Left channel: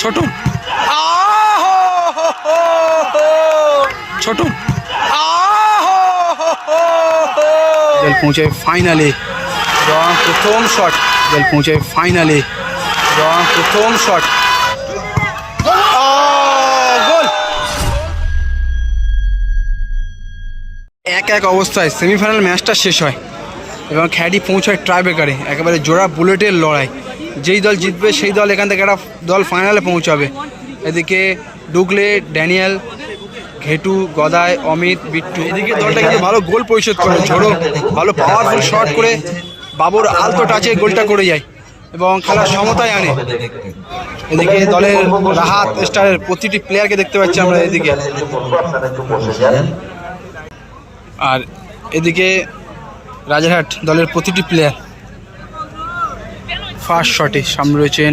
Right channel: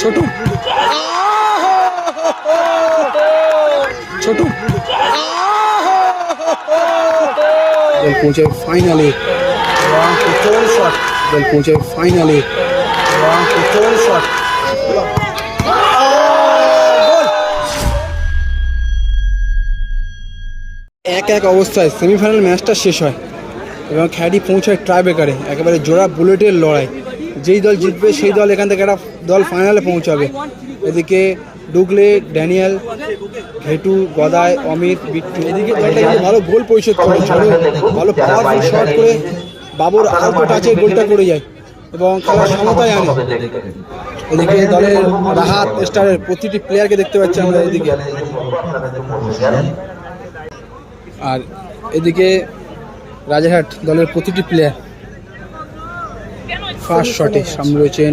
ছোট ছোট জল পৌঁছায় ফাইনালে প্রথম শট জল পৌঁছায় ফাইনালে প্রথম শট গোল। 1-1 অবস্থায় সেমিফাইনাল ম্যাচটা শেষ হয় এবং খেলাটি পৌঁছায় ট্রাইব্রেকারে। একেবারে জোড়া বুলেটের লড়াই, যেই দল জিতবে সেই দল এখান থেকে একটা দল ফাইনালে পৌঁছাবে। এদিকে ডুগলে, ড্যানিয়েল, ঘেটু, গদাই, অমিত, বিট্টু, এদিকে দলটা কিন্তু ভালো গোল পরিশোধ করে। ঝোড়ো ভালো পাওয়ারফুল শট করে বাবুর আলতো টাচে গোলটা করে যায় এবং খেলার সমতায় আনে। এদিকে দলের রাহাত স্টারের প্রতিটি প্লেয়ারকে দেখতে পাচ্ছি আমরা এদিকে, আর এদিকে রাজারহাট দলের প্রতিটি প্লেয়ার। ফার্স্ট শটে সামনে রয়েছেন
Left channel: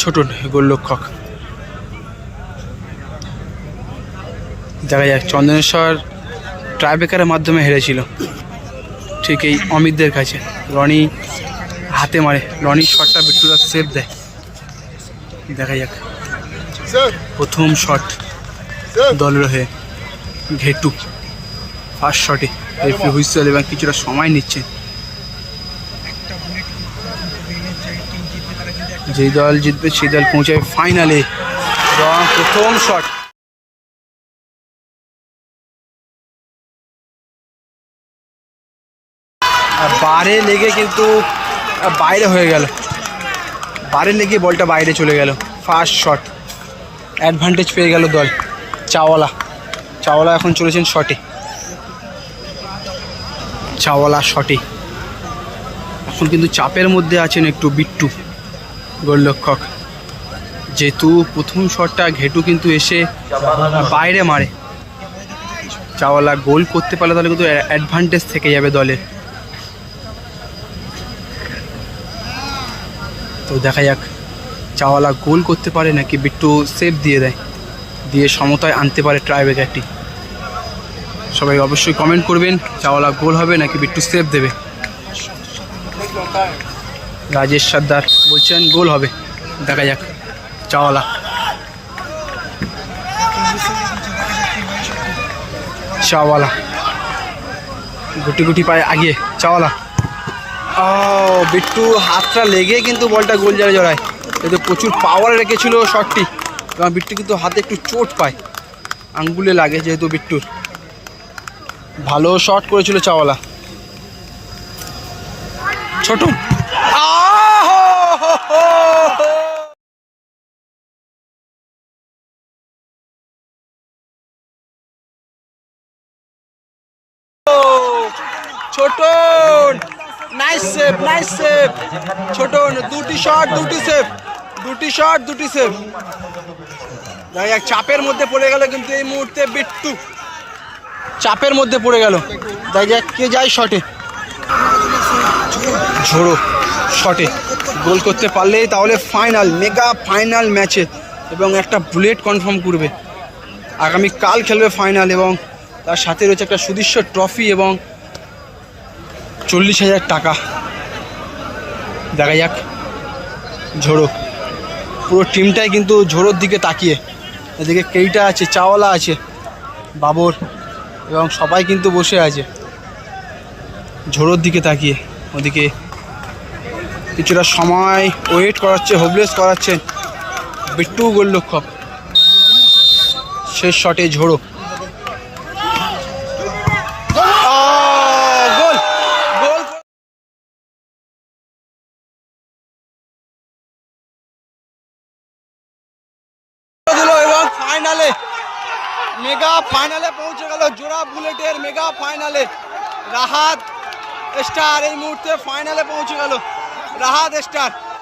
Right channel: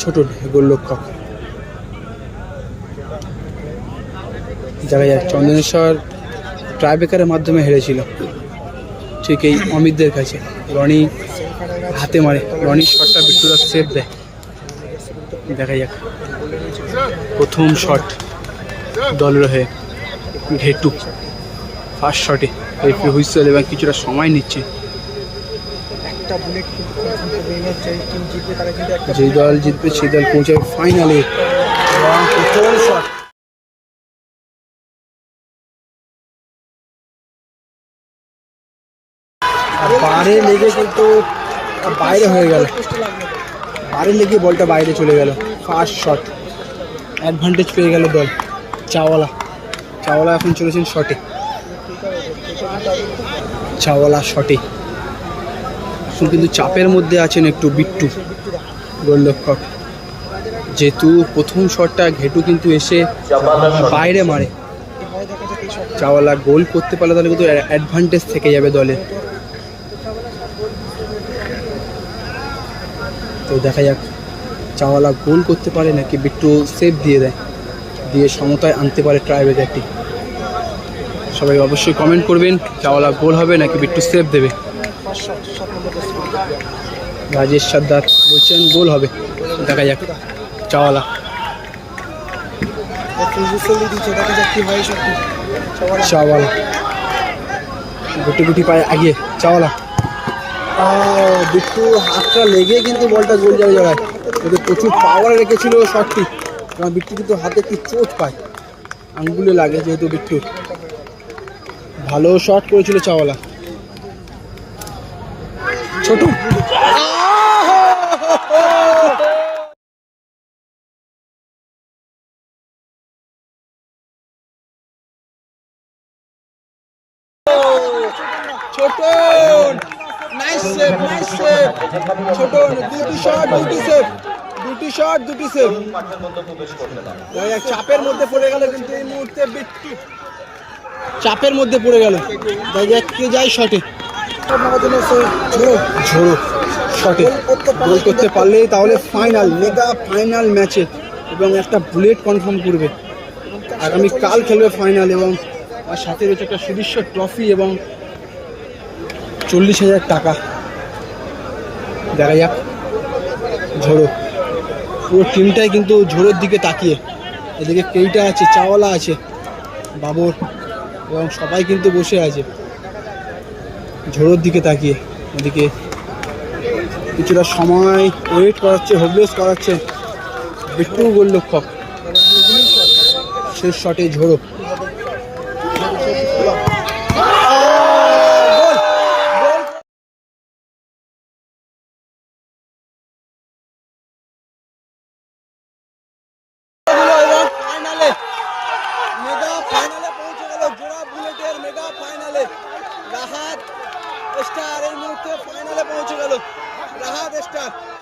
ছোট গোলরক্ষক। দেখা যাক চন্দনেশ্বর ট্রাইব্রেকারের মাধ্যমে হেরেছিল ঠিক এই অমিতদের কাছে। রনি হাতে মারে, রনির শটটা বিট্টুদা সেভ দেয়। দেখা যাক প্রথম শট দলের হয়ে ঘেটু। ফার্স্ট শটে রেফারি হুইসেল এবং কিছুটা সময় নিচ্ছে। যেই দল জিতবে সেই দল পৌঁছায় ফাইনালে। প্রথম শট বারে লেগে কিন্তু বাইরে হয়ে গেল, বারে লেগে বলটা বাইরে চলে গেল। ফার্স্ট শট অ্যাডভান্টেজ পেয়ে গেল দল চাওয়ালা এখন চলেছেন শটে। চাওয়ালা শটে এখন কিন্তু চাপের মধ্যে আছেন একটু বিট্টু গোলরক্ষক, যেহেতু প্রথম শটটা ঘেটু কিন্তু এসে বাইরে মারে। চাওয়ালা গোল করতে পারলে তাহলে কিন্তু অ্যাডভান্টেজ থেকে যাবে দলের। তো দেখা যাক চাওয়ালা গোল করতে পারে নাকি বিট্টু সেভ দিয়ে দেয়, দিয়ে সমতায় আনতে পারে ট্রাইব্রেকারটি। সবাই অবশ্যই কমেন্ট করবেন চাওয়ালা গোল হবে নাকি বিট্টু সেভ দেবে। রাজেশ সর্দার বলছেন গোল হবে, দেখা যাক। চাওয়ালা গুটি গুটি পায়ে আগিয়ে চাওয়ালা, বিট্টু হাতটা লেগে কিন্তু বলটা গোল জায়গায় জড়ায়। কিন্তু প্রচুর পাওয়ার রেখেছিল শটটি এবং বিট্টু কিন্তু হাতে একটু চোট পায়, আঙ্গুলে লাগে যেহেতু বিট্টুর। ভালো শট করেছিল চাওয়ালা। ছোট ছোট নাইস সেভ, নাইস সেভ ছোট। দুটি শট দুটি সেভ। চাপের মধ্যে পড়ে গেল কিন্তু এই মুহূর্তে বিট্টু, চাপের মধ্যে পড়ে গেল। দেখা কে যায় শটে, ঝোড়ো শটে গোল করতে পারলেই তাহলে ফাইনাল, মেগা ফাইনাল ম্যাচে এবং একটা বুলেট কনফার্ম করবে। আগামীকাল খেলবে ফাইনাল এবং তার সাথে রয়েছে একটা সুদৃশ্য ট্রফি এবং 40,000 টাকা। দেখা যাক ঝোড়ো, পুরো টিমটাই কিন্তু ঝোড়োর দিকে তাকিয়ে। এদিকে কেইটা আছে, চাওয়ালা আছে, বাবর এবং সবাই কিন্তু বসে আছে ঝোড়োর দিকে তাকিয়ে। ওদিকে কিছুটা সময় ওয়েট করাচ্ছে, হোপলেস করাচ্ছে বিট্টু গোলরক্ষক। শেষ শটে ঝোড়ো, গোল গোল। এবং ফাইনালে, মেগা ফাইনালে পৌঁছে গেল জোড়া বুলেটের মেগা ফাইনালে। রাহাত স্টার এই মুহূর্তে ফাইনালে পৌঁছে গেল। রাহাত স্টার